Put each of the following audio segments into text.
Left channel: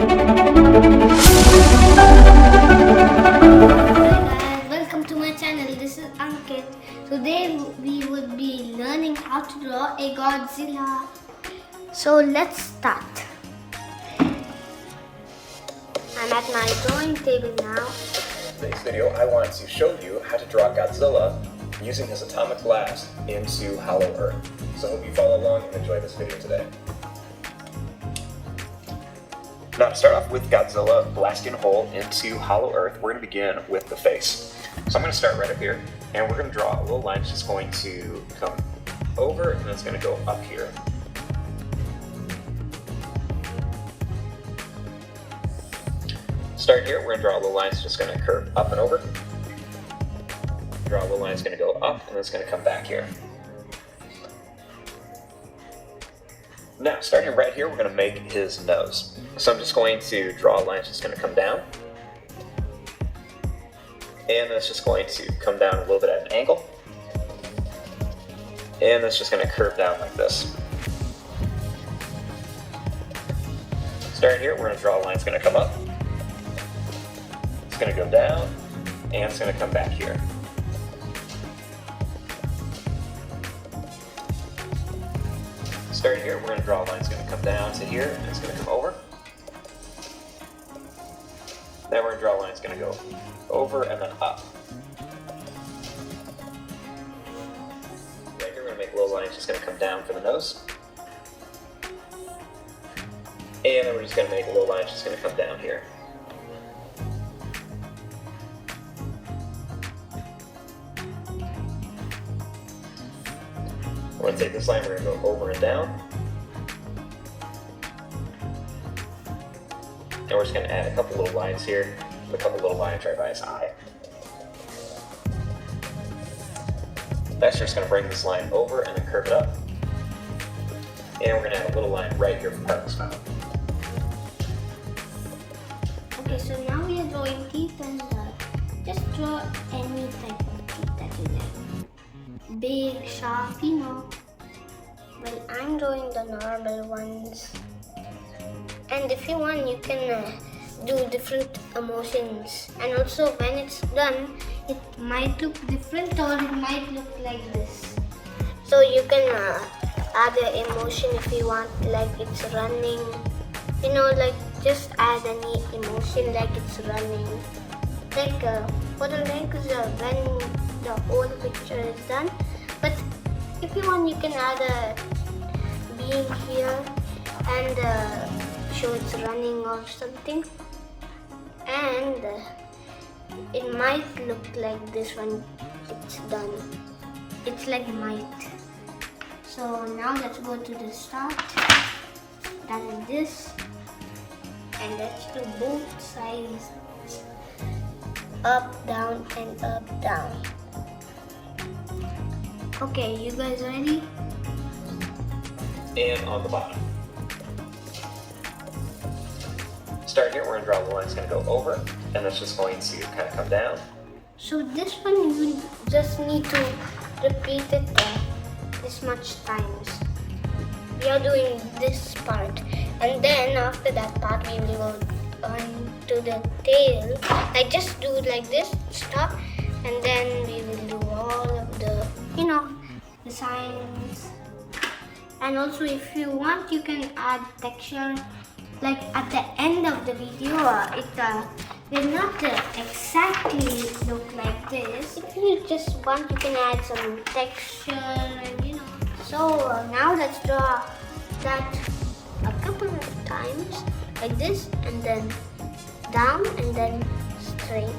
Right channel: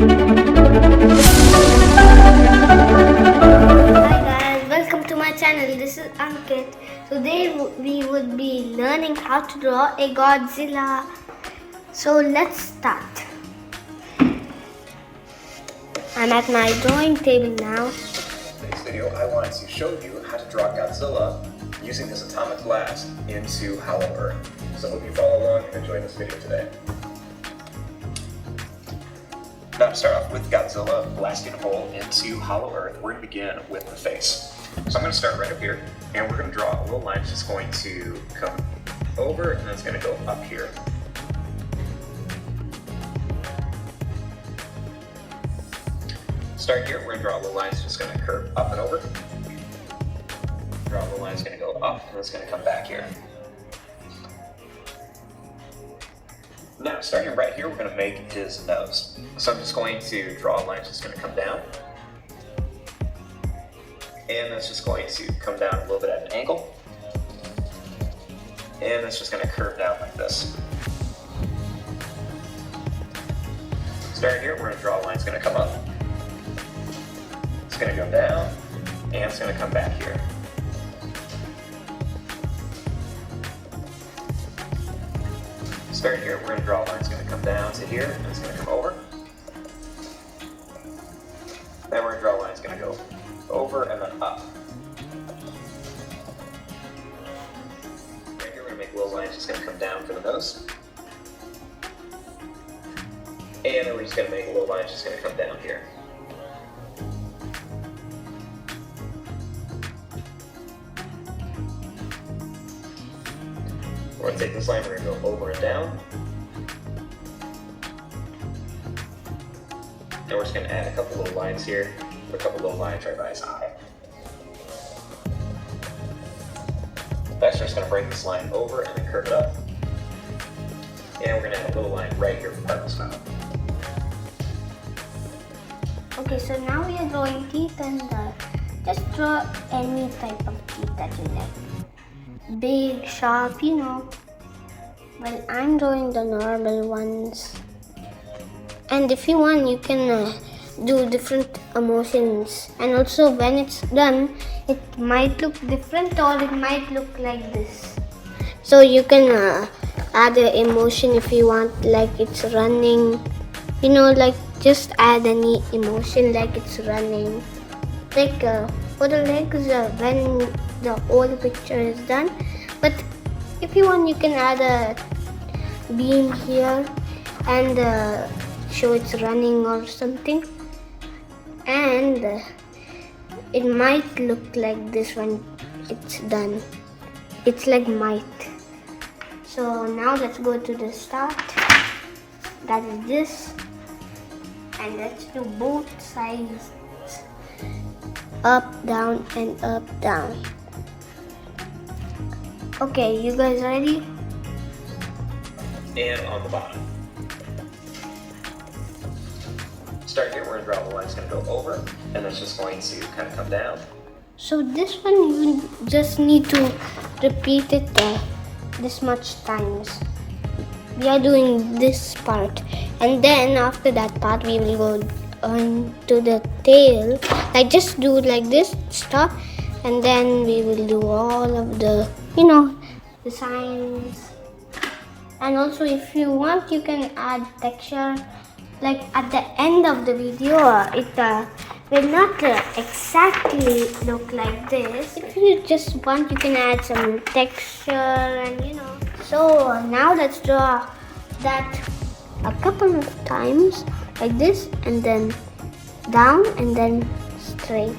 Guys, welcome to my channel. This is Ankit. Today we would be learning how to draw a Godzilla. So let's start. I'm at my drawing table now. In today's video, I want to show you how to draw Godzilla using his atomic blast into Hollow Earth. So hope you follow along and enjoy this video today. Now to start off with Godzilla blasting a hole into Hollow Earth, we're going to begin with the face. So I'm going to start right up here, and we're going to draw a little line that's just going to come over, and it's going to go up here. Start here, we're going to draw a little line that's just going to curve up and over. Draw a little line that's going to go up, and it's going to come back here. Now, starting right here, we're going to make his nose. So I'm just going to draw a line that's just going to come down. And that's just going to come down a little bit at an angle. And it's just going to curve down like this. Starting here, we're going to draw a line that's going to come up. It's going to go down, and it's going to come back here. Starting here, we're going to draw a line that's going to come down to here, and it's going to come over. Then we're going to draw a line that's going to go over and then up. Right here, we're going to make a little line that's just going to come down for the nose. And then we're just going to make a little line that's just going to come down here. We're going to take this line, we're going to go over and down. And we're just going to add a couple little lines here, a couple little lines right by his eye. Next, we're just going to bring this line over and then curve it up. And we're going to add a little line right here from the top. Okay, so now we are drawing teeth, and just draw any type of teeth that you like. Big, sharp, you know. Well, I'm drawing the normal ones. And if you want, you can do different emotions. And also, when it's done, it might look different or it might look like this. So you can add an emotion if you want, like it's running. You know, like just add any emotion like it's running. Like for the legs, when the whole picture is done. But if you want, you can add a beam here and show it's running or something. And it might look like this when it's done. It's like might. So now let's go to the start. That is this. And let's do both sides. Up, down, and up, down. Okay, you guys ready? And on the bottom. Start here, we're going to draw the line that's going to go over, and that's just going to kind of come down. So this one you just need to repeat it this much times. We are doing this part, and then after that part we will go on to the tail. Like just do like this, stop, and then we will do all of the, you know, the signs. And also if you want, you can add texture. Like at the end of the video, it will not exactly look like this. If you just want, you can add some texture and you know. So now let's draw that a couple of times like this, and then down, and then straight,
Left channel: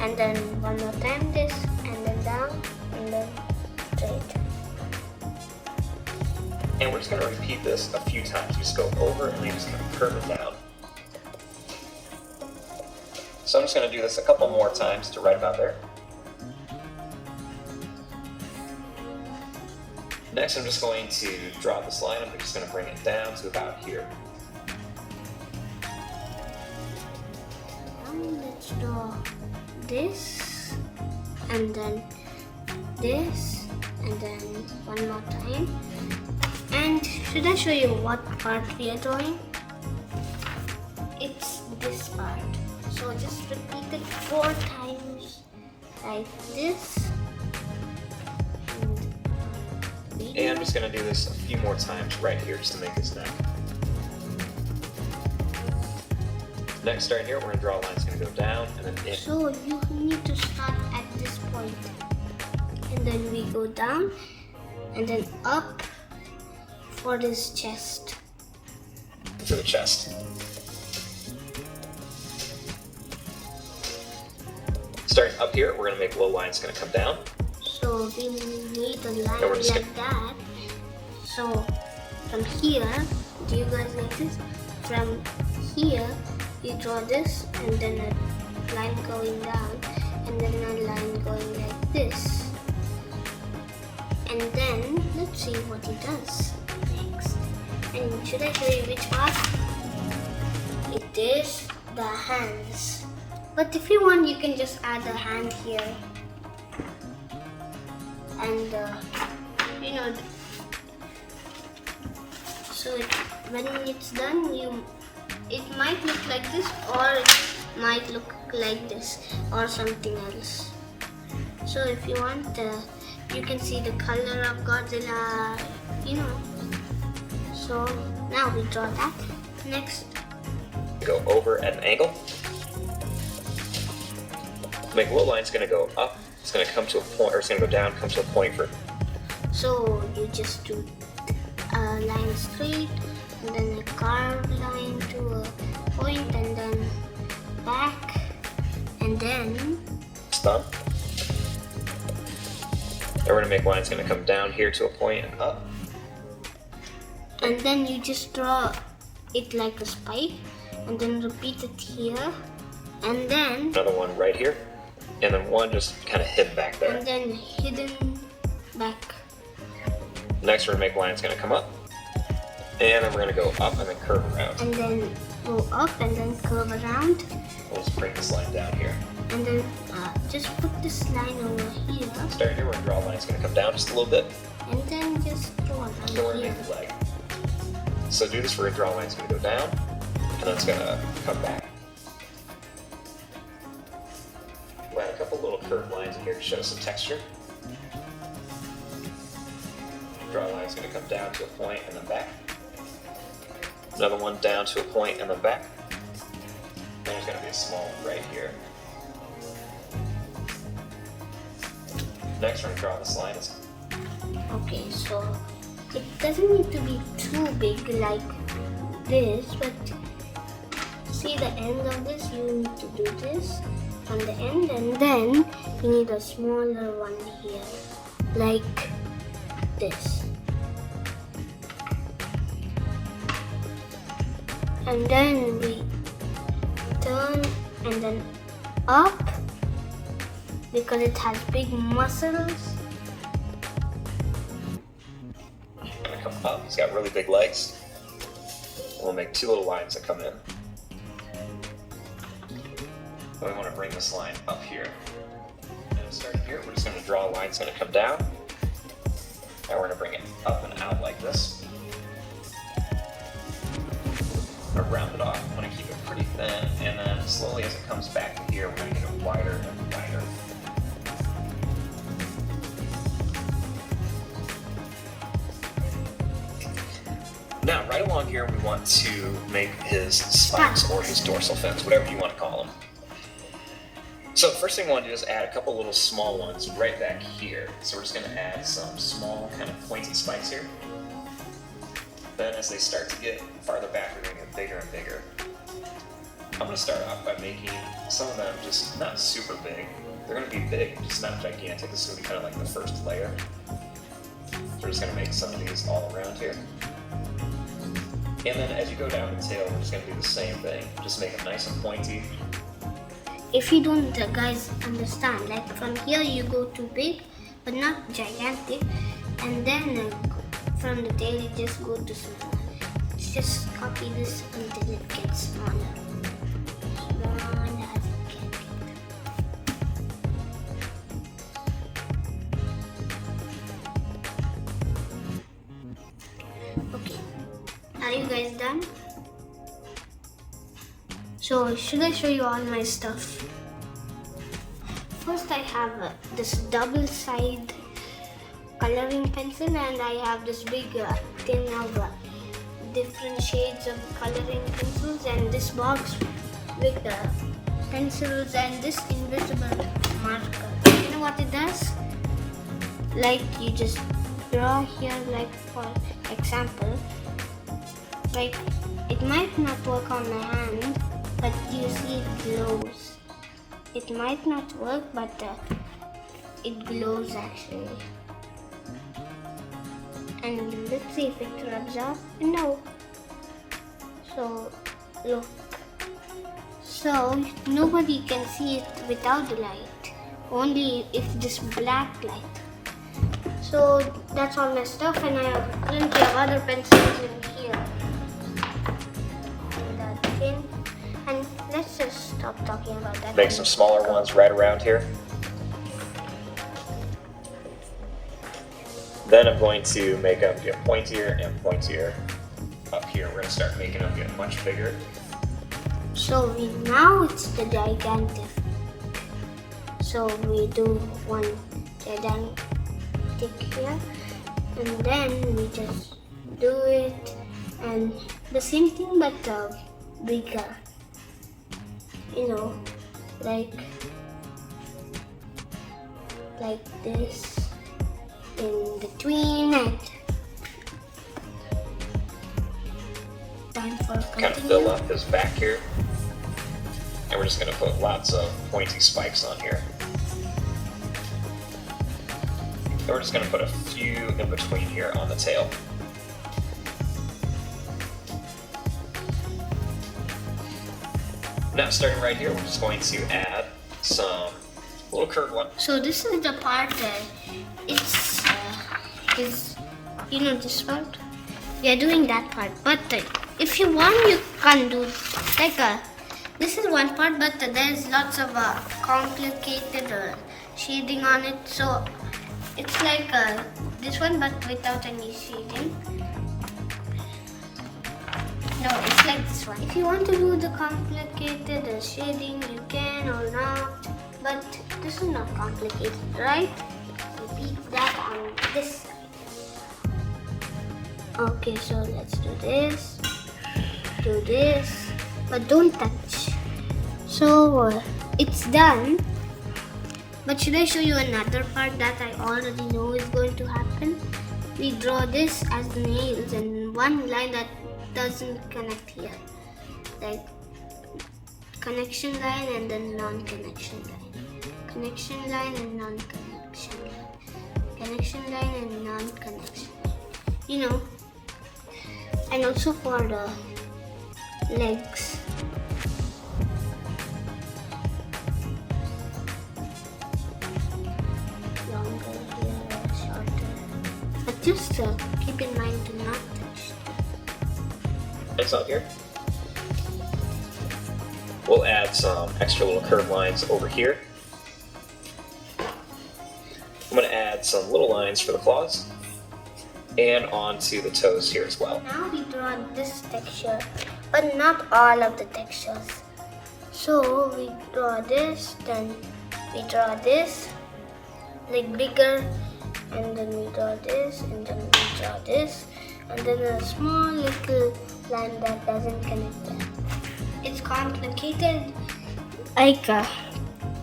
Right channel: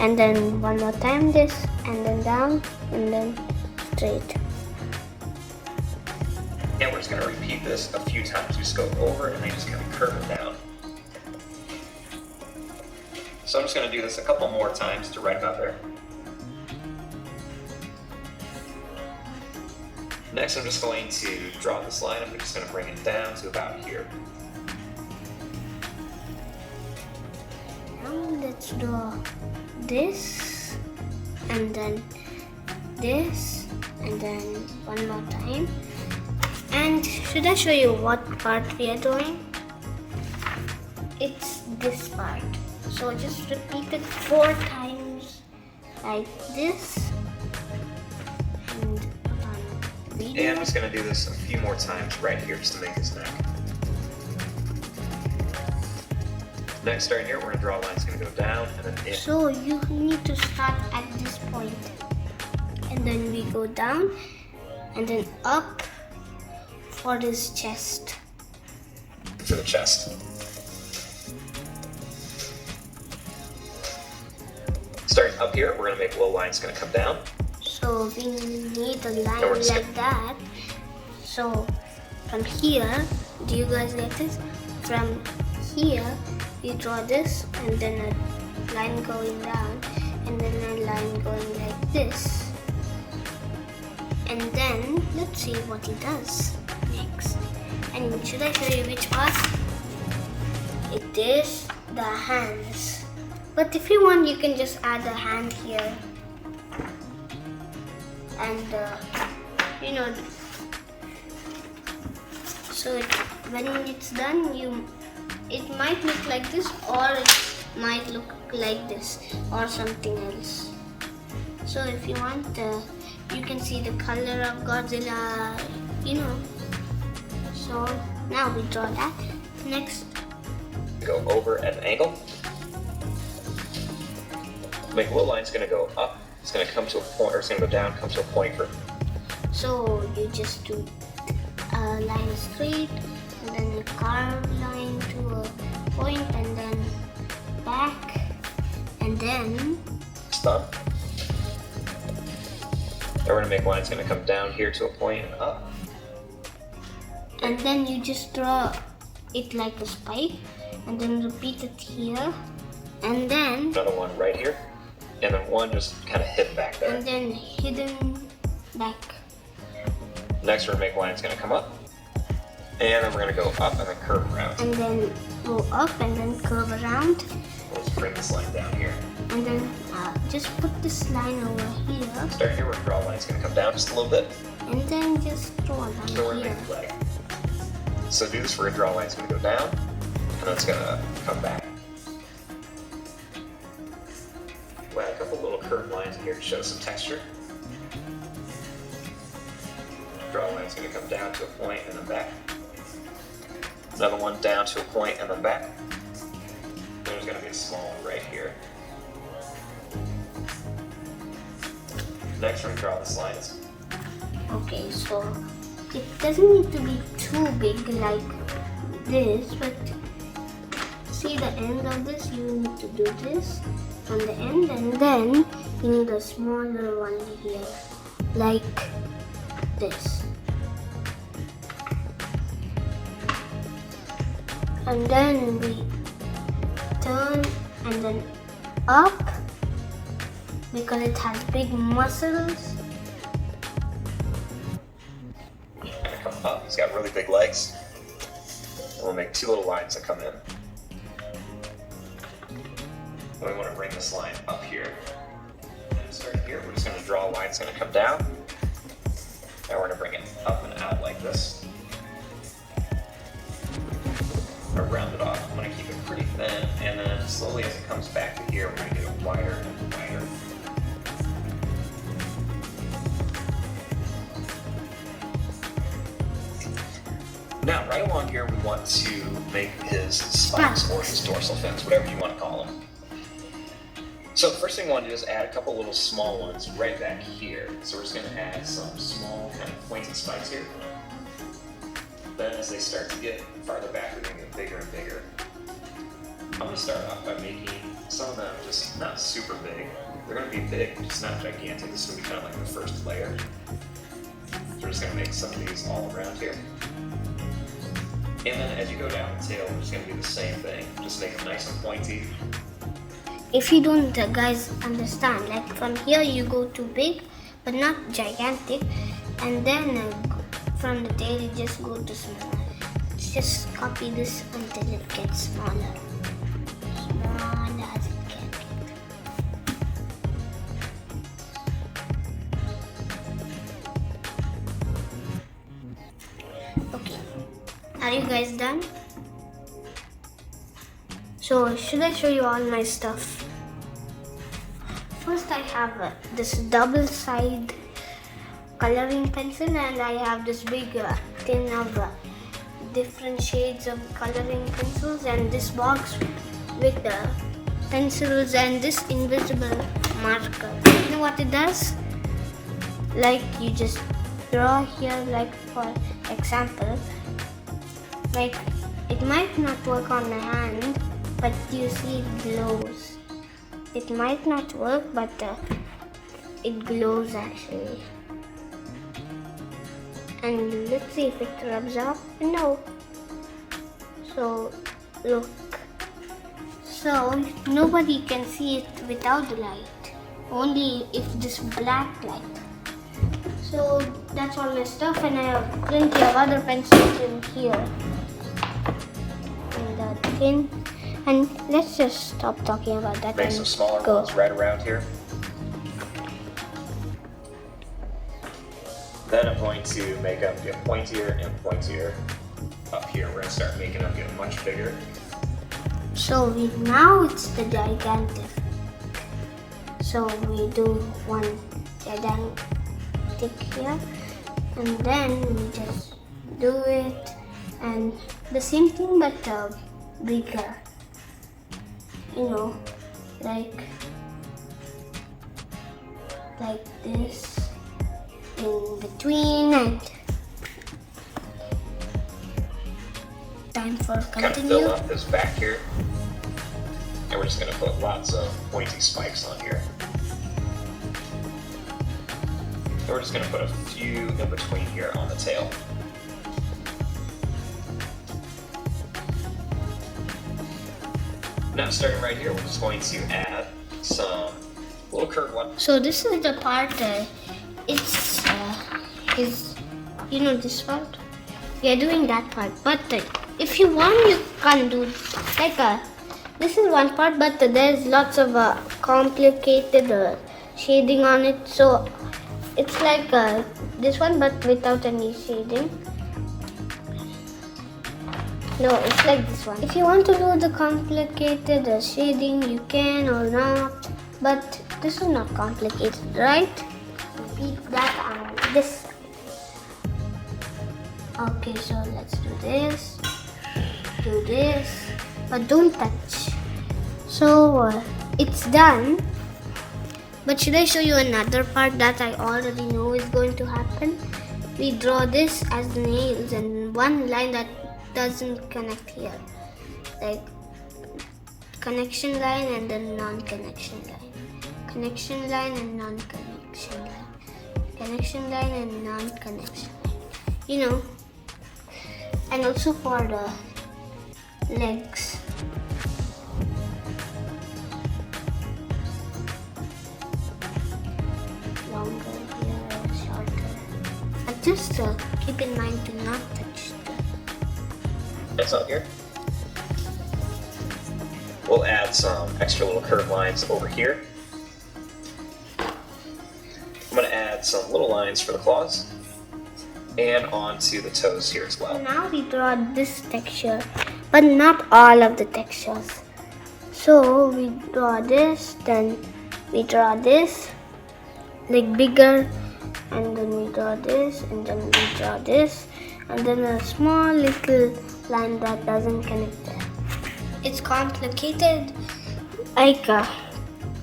and then one more time this, and then down, and then straight. And we're just going to repeat this a few times. Just go over, and we're just going to curve it down. So I'm just going to do this a couple more times to right about there. Next, I'm just going to draw this line, and I'm just going to bring it down to about here. Now let's draw this, and then this, and then one more time. And should I show you what part we are drawing? it's this part. So just repeat it 4 times like this. And I'm just going to do this a few more times right here just to make this neck. Next, right here, we're going to draw a line that's going to go down and then in. So you need to start at this point. And then we go down and then up for this chest. For the chest. Starting up here, we're going to make a little line that's going to come down. So we need a line we're just like that. So from here, do you guys get this? From here, you draw this and then a line going down and then a line going like this. And then let's see what he does next. And should I show you which part? It is the hands. But if you want, you can just add a hand here. And you know, so when it's done, it might look like this, or it might look like this, or something else. So if you want, you can see the color of Godzilla, you know. So now we draw that. Next, Go over at an angle. Make a little line. It's going to go up. It's going to come to a point, or it's going to go down, come to a point for. so you just do a line straight, and then a curved line to a point, and then back, and then It's done. Then we're going to make a line that's going to come down here to a point and up. and then you just draw it like a spike, and then repeat it here, and then Another one right here. And then one just kind of hidden back there. and then hidden back. Next, we're going to make a line that's going to come up. And then we're going to go up and then curve around. And then go up and then curve around, We'll just bring this line down here. and then just put this line over here, Start here, we're going to draw a line that's going to come down just a little bit. and then just draw a So we're line going to here. make a flag. So do this, we're going to draw a line that's going to go down, and then it's going to come back. We'll add a couple little curved lines in here to show some texture. Draw a line that's going to come down to a point and then back. Another one down to a point and then back. And there's going to be a small one right here. Next, we're going to draw this line. Okay, so it doesn't need to be too big like this, but see the end of this, you need to do this from the end, and then you need a smaller one here, like this. And then we turn and then up because it has big muscles. Gonna come up. He's got really big legs. We'll make 2 little lines that come in. Then we want to bring this line up here. And start here. We're just going to draw a line that's going to come down. Now we're going to bring it up and out like this. Or round it off. I'm going to keep it pretty thin, and then slowly as it comes back to here, we're going to get it wider and wider. Now, right along here, we want to make his spikes or his dorsal fins, whatever you want to call them. So the first thing we want to do is add a couple little small ones right back here. So we're just going to add some small kind of pointed spikes here. Then as they start to get farther back, they're going to get bigger and bigger. I'm going to start off by making some of them just not super big. They're going to be big, just not gigantic. This is going to be kind of like the first layer. So we're just going to make some of these all around here. And then as you go down the tail, we're just going to do the same thing. Just make it nice and pointy. If you don't guys understand, like from here you go too big but not gigantic, and then from the tail you just go to small. Just copy this until it gets smaller. Smaller as it can get. Okay, are you guys done? So should I show you all my stuff? First I have this double side coloring pencil, and I have this big tin of different shades of coloring pencils, and this box with the pencils and this invisible marker. You know what it does? Like you just draw here, like for example, like it might not work on my hand, but you see it glows. It might not work, but it glows actually. And let's see if it rubs off. No. So look. So nobody can see it without the light. Only if this black light. So that's all my stuff, and I have plenty of other pencils in here. And that pin. And let's just stop talking about that. Make some smaller ones right around here. Then I'm going to make up a pointier and pointier up here. We're going to start making them get much bigger. So now it's the gigantic. So we do one gigantic here, and then we just do it, and the same thing but bigger. You know, like this in between, and time for Kind of continue. fill up this back here, and we're just going to put lots of pointy spikes on here. And we're just going to put a few in between here on the tail. Now starting right here, we're just going to add some little curved one. So this is the part it's is, you know, this part. We are doing that part, but if you want, you can do like this is one part, but there's lots of complicated shading on it. So it's like this one, but without any shading. No, it's like this one. If you want to do the complicated shading, you can or not. But this is not complicated, right? Repeat that on this side. Okay, so let's do this. Do this. But don't touch. So it's done. But should I show you another part that I already know is going to happen? We draw this as nails and one line that doesn't connect here, like connection line and then non-connection line, connection line and non-connection line, connection line and non-connection line. You know, and also for the legs. Longer here, shorter. But just keep in mind to not touch. That's up here. We'll add some extra little curved lines over here. I'm going to add some little lines for the claws and onto the toes here as well. Now we draw this texture, but not all of the textures. So we draw this, then we draw this, like bigger, and then we draw this, and then we draw this, and then a small little line that doesn't connect there. It's complicated, like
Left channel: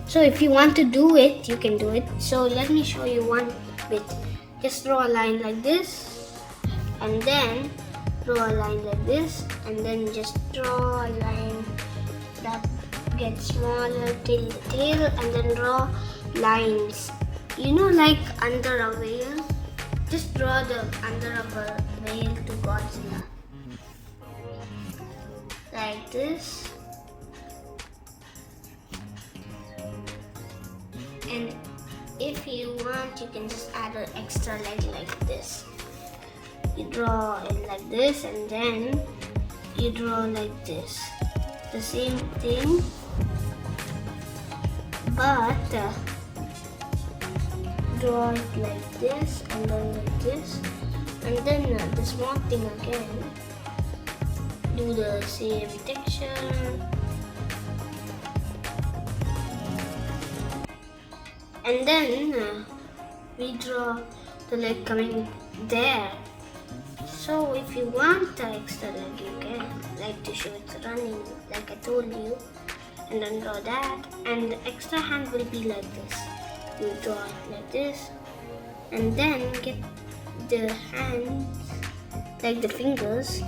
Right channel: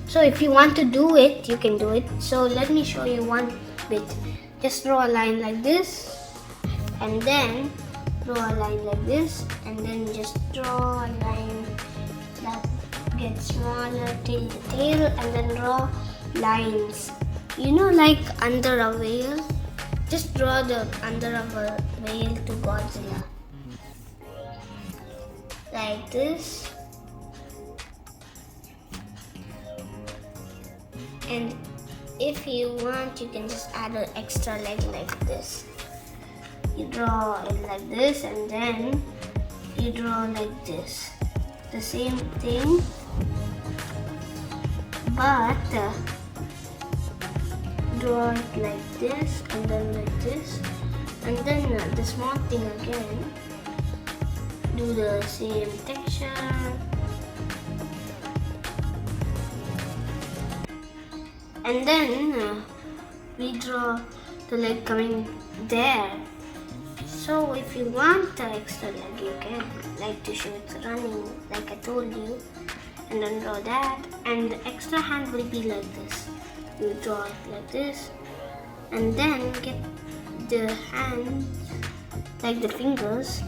so if you want to do it, you can do it. So let me show you one bit. Just draw a line like this, and then draw a line like this, and then just draw a line that gets smaller till the tail, and then draw lines, you know, like under a veil. Just draw the under of a veil to Godzilla, like this. And if you want, you can just add an extra leg like this. You draw it like this, and then you draw like this. The same thing, but draw it like this, and then like this, and then the small thing again. Do the same texture, And then we draw the leg coming there. So if you want the extra leg, you can, like to show it's running, like I told you, and then draw that. And the extra hand will be like this. You draw it like this, and then get the hands, like the fingers,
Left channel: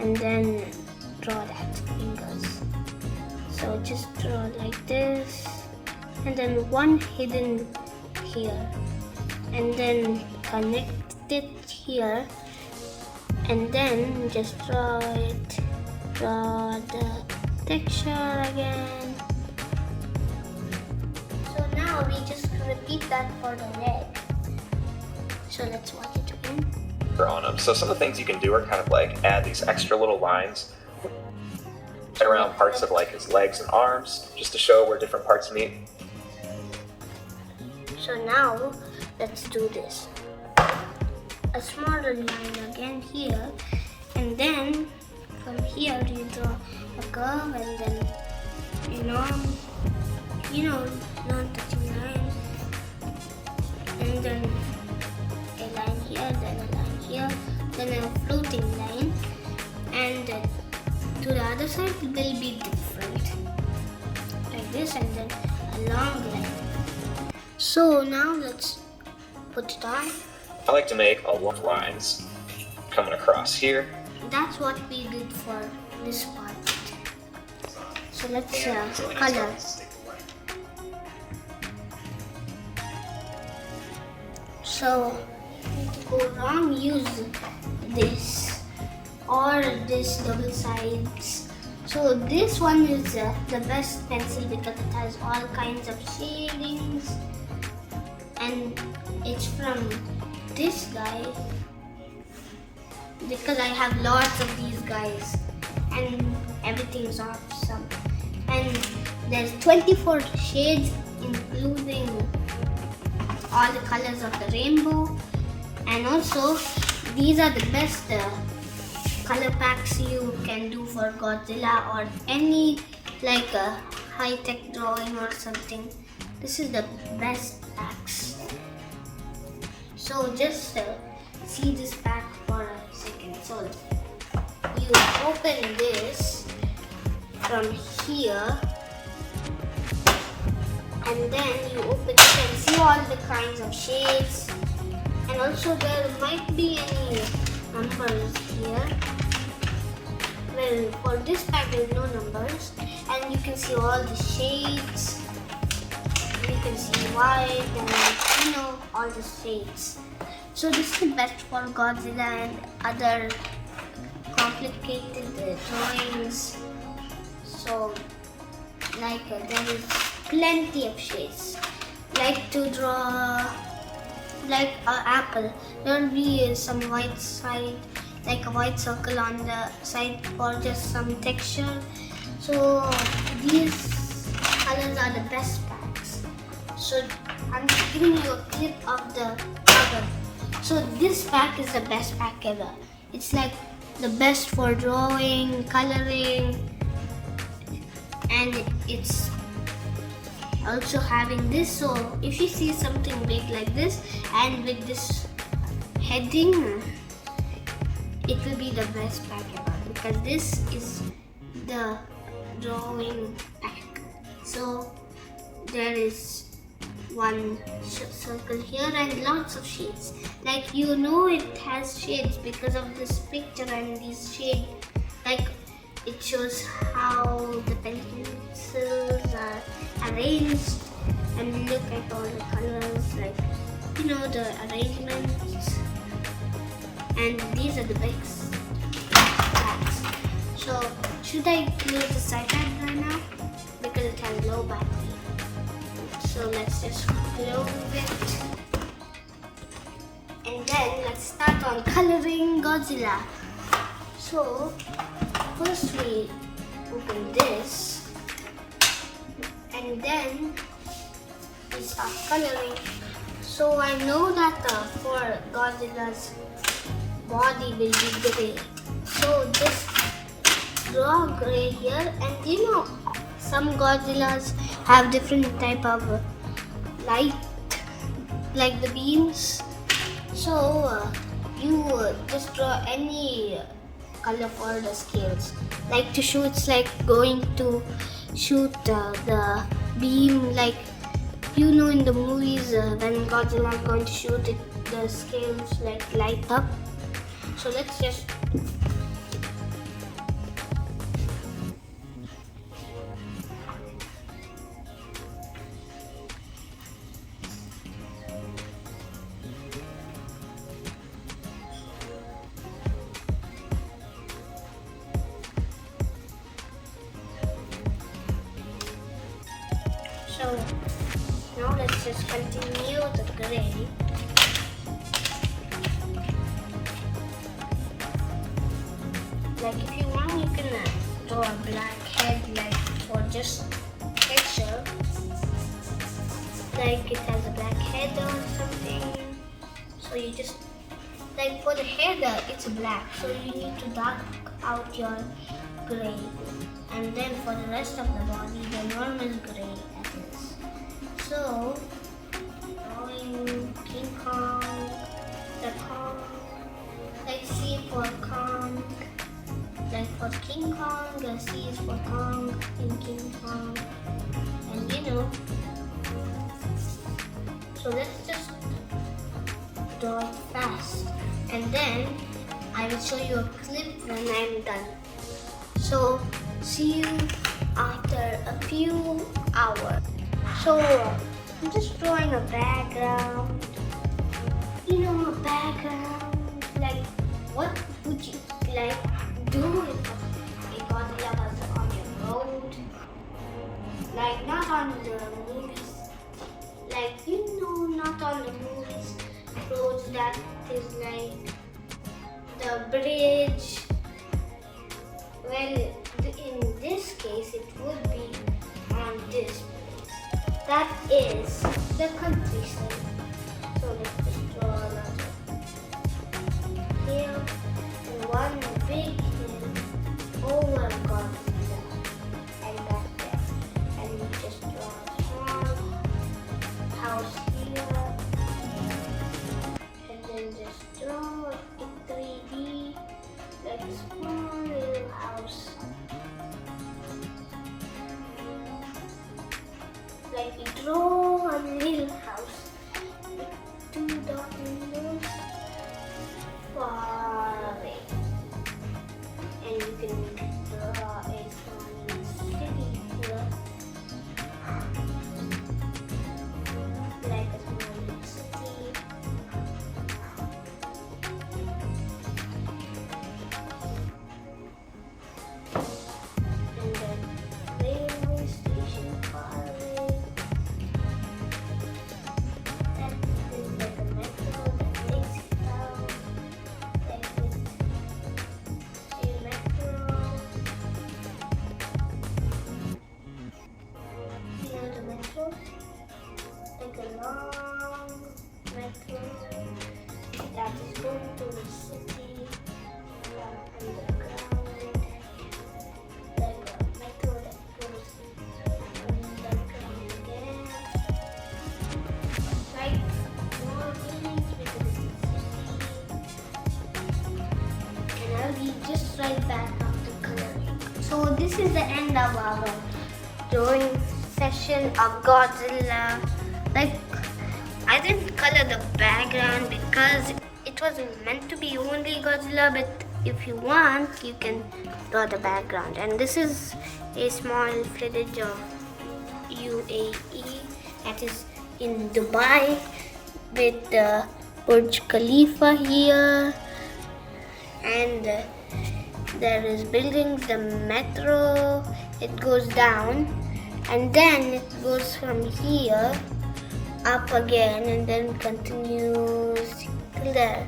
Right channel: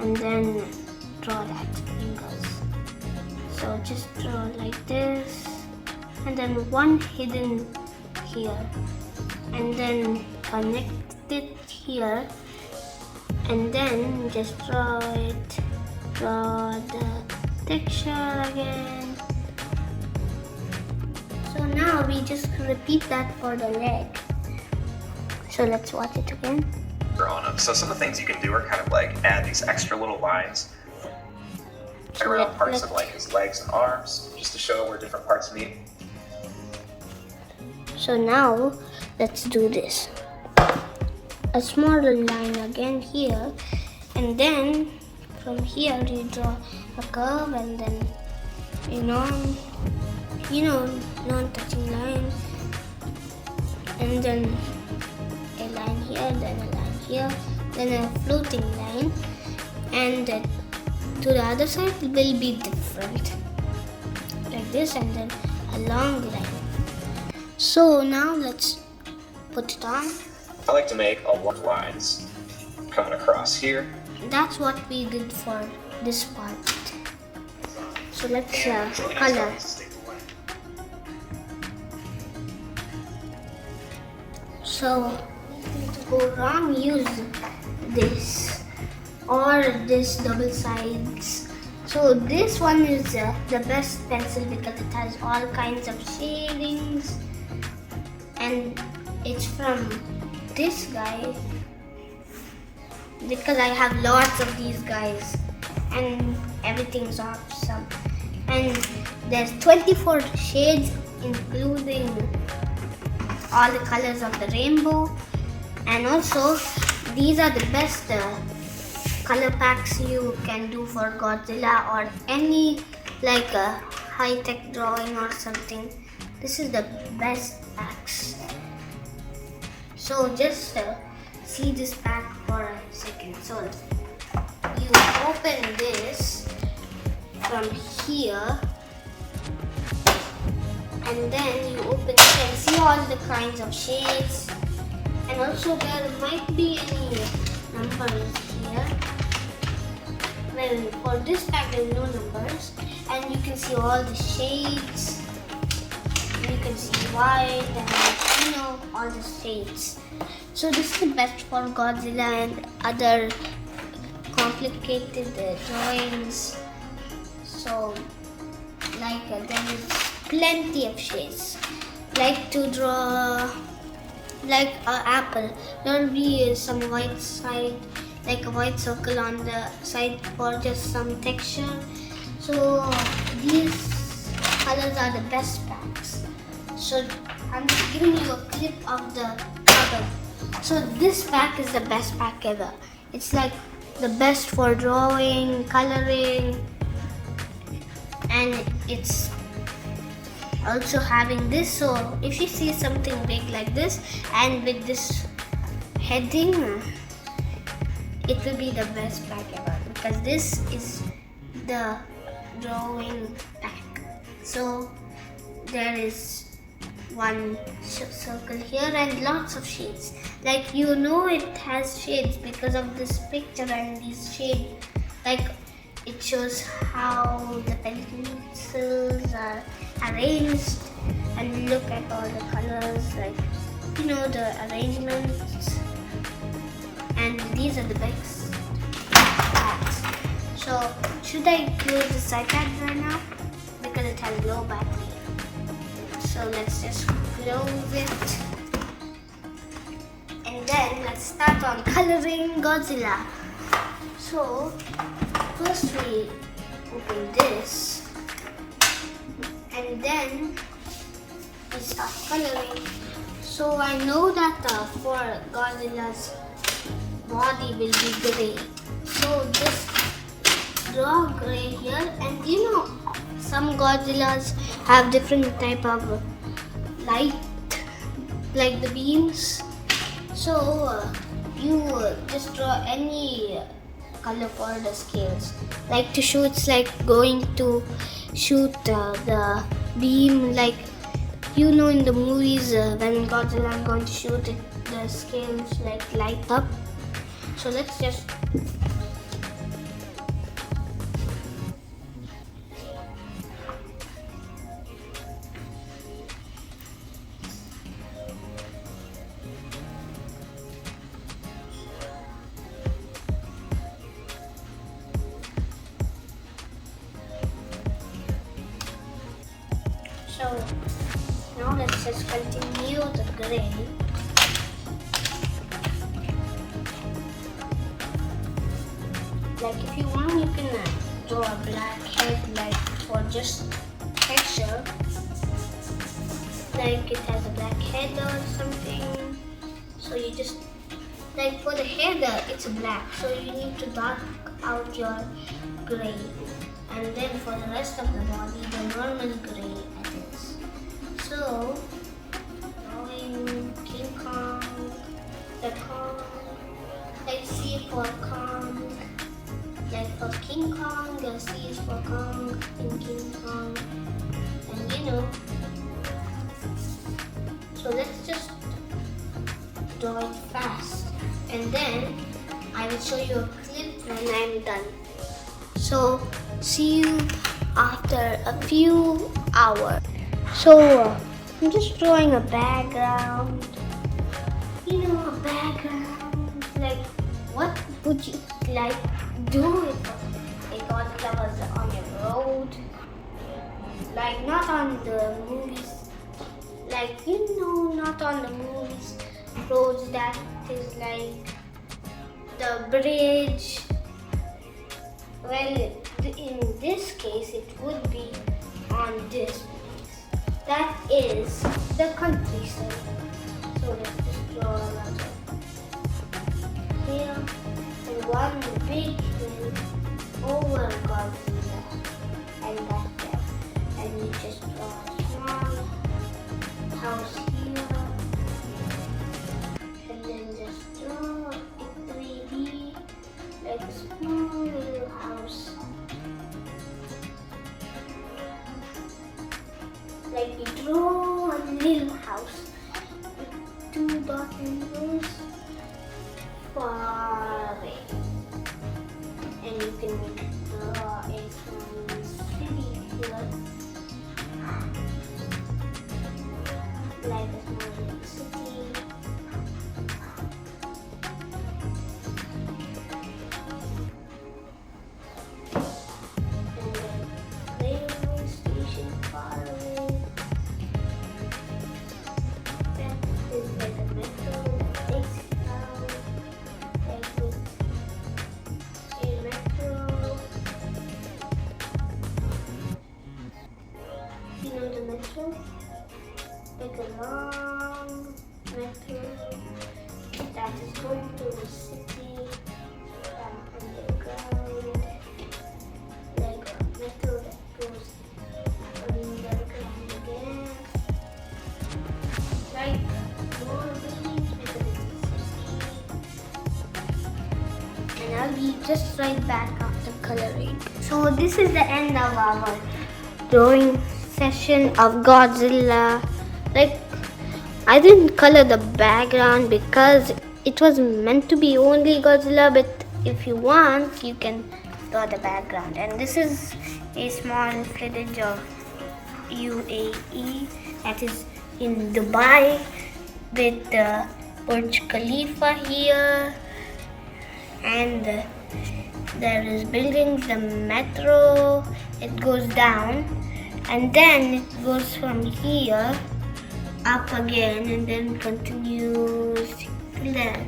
and then draw that fingers. So just draw like this, and then one hidden here, and then connect it here, and then just draw it, draw the texture again. So now we just repeat that for the leg. So let's watch it again. On them. So some of the things you can do are kind of like add these extra little lines around parts of like his legs and arms, just to show where different parts meet. So now let's do this. A smaller line again here, and then from here you draw a curve, and then non-touching line, and then a line here, then a line here, then a floating line, and to the other side will be different, like this, and then a long line. So now let's put it on. I like to make a lot of lines coming across here. That's what we did for this part. So let's color. So to go wrong, use this or this double sides. So this one is the best pencil because it has all kinds of shadings, and it's from this guy because I have lots of these guys and everything's awesome. And there's 24 shades including all the colors of the rainbow, and also these are the best color packs you can do for Godzilla or any like high-tech drawing or something. This is the best packs. So just see this pack for a second. So you open this from here, and then you open it and see all the kinds of shades, and also there might be any numbers here. Well, for this pack there is no numbers, and you can see all the shades. You can see white and all the shades. So this is the best for Godzilla and other complicated drawings. So like there is plenty of shades. Like to draw like an apple, there will be some white side, like a white circle on the side for just some texture. So these colors are the best packs. So I'm just giving you a clip of the cover. So this pack is the best pack ever. It's like the best for drawing, coloring, and it's also having this. So if you see something big like this and with this heading, it will be the best pack ever because this is the drawing pack. So there is one circle here and lots of shades. Like it has shades because of this picture and these shades. Like it shows how the pencils are arranged, and look at all the colors, like the arrangements. And these are the best packs. So should I close the iPad right now because it has low battery? So let's just close it. And then let's start on coloring Godzilla. So first we open this, and then we start coloring. So I know that for Godzilla's body will be gray. So just draw gray here, and some Godzillas have different type of light like the beams. So you just draw any color for the scales. Like to shoot, it's like going to shoot the beam, like you know in the movies when Godzilla is going to shoot it, the scales like light up. So let's just so now let's just continue the gray. Like if you want, you can draw a black head, like for just texture. Like it has a black head or something. So you just, like for the head, it's black. So you need to dark out your gray. And then for the rest of the body, the normal gray it is. So, drawing King Kong, the Kong, like C for Kong. Like for King Kong, the C is for Kong in King Kong. And you know, so let's just draw it fast. And then I will show you a clip when I'm done. So see you after a few hours. So I'm just drawing a background. You know, a background. Like what would you like do if a Godzilla was on a road? Like not on the movies. Like you know, not on the movies. Roads that is like the bridge. Well, in this case, it would be on this. That is the countryside. So let's just draw a lot of hill and one big hill over Godzilla and that there. And you just draw a small house here. And then just draw in 3D like a small little house. Like you draw a little house with two dot windows far away. And you can draw a small city here. Like a small little city. And then railway station far away. That is like a metro that takes you down. Like this, a metro. You know the metro? Like a long metro that is going to the city and underground. Like a metro that goes underground again. Like more buildings within the city. And I'll be just right back after coloring. So this is the end of our drawing session of Godzilla. Like I didn't color the background because it was meant to be only Godzilla, but if you want, you can draw the background. And this is a small footage of UAE that is in Dubai with the Burj Khalifa here, and there is buildings, the metro, it goes down and then it goes from here up again and then continues till there.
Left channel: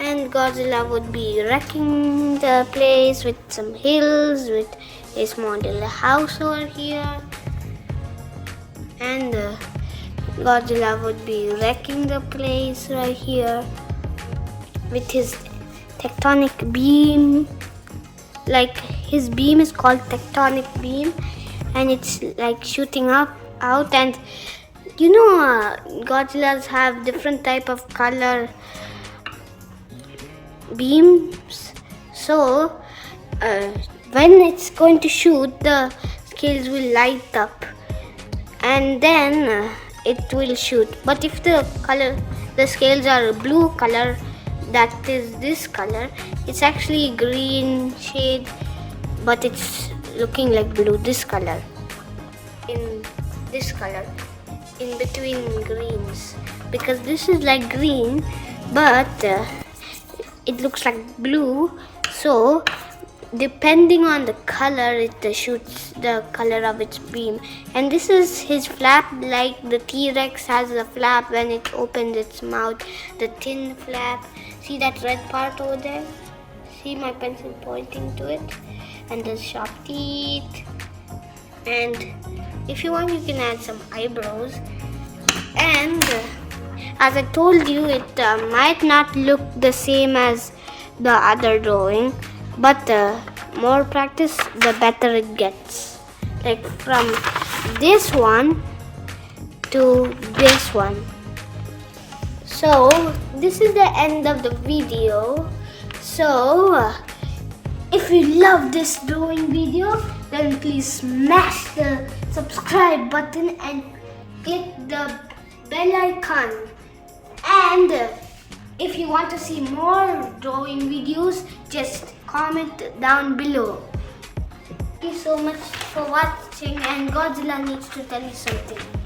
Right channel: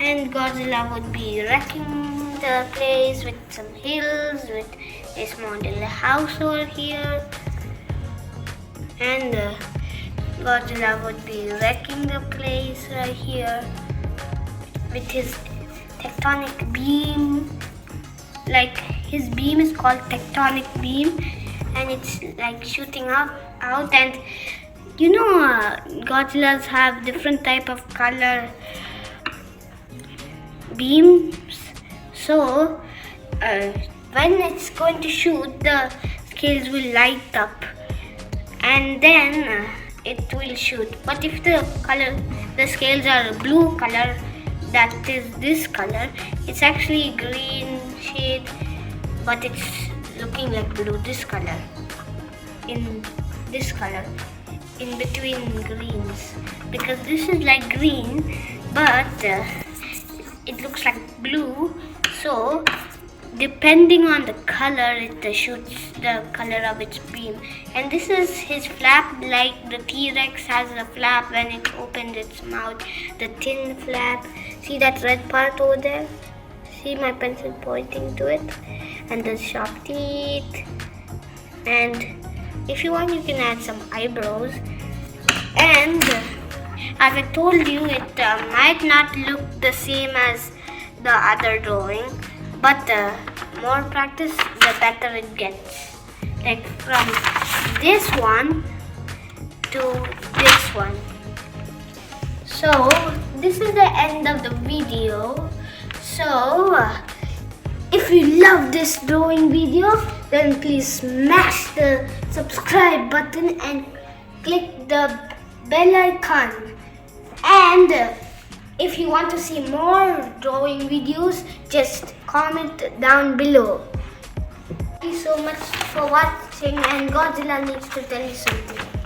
And Godzilla would be wrecking the place with some hills, with a small little house over here. And Godzilla would be wrecking the place right here with his tectonic beam. Like his beam is called tectonic beam, and it's like shooting out, and Godzillas have different type of color beams. So when it's going to shoot, the scales will light up, and then it will shoot. But if the scales are blue color, that is this color, it's actually green shade, but it's looking like blue. This color, in between greens, because this is like green, but it looks like blue. So depending on the color, it shoots the color of its beam. And this is his flap, like the T-Rex has a flap when it opens its mouth, the thin flap. See that red part over there? See my pencil pointing to it? And the sharp teeth. And if you want, you can add some eyebrows. And as I told you, it might not look the same as the other drawing, but more practice, the better it gets. Like from this one to this one. So this is the end of the video. So if you love this drawing video, then please smash the subscribe button and click the bell icon. And if you want to see more drawing videos, just comment down below. Thank you so much for watching, and Godzilla needs to tell you something.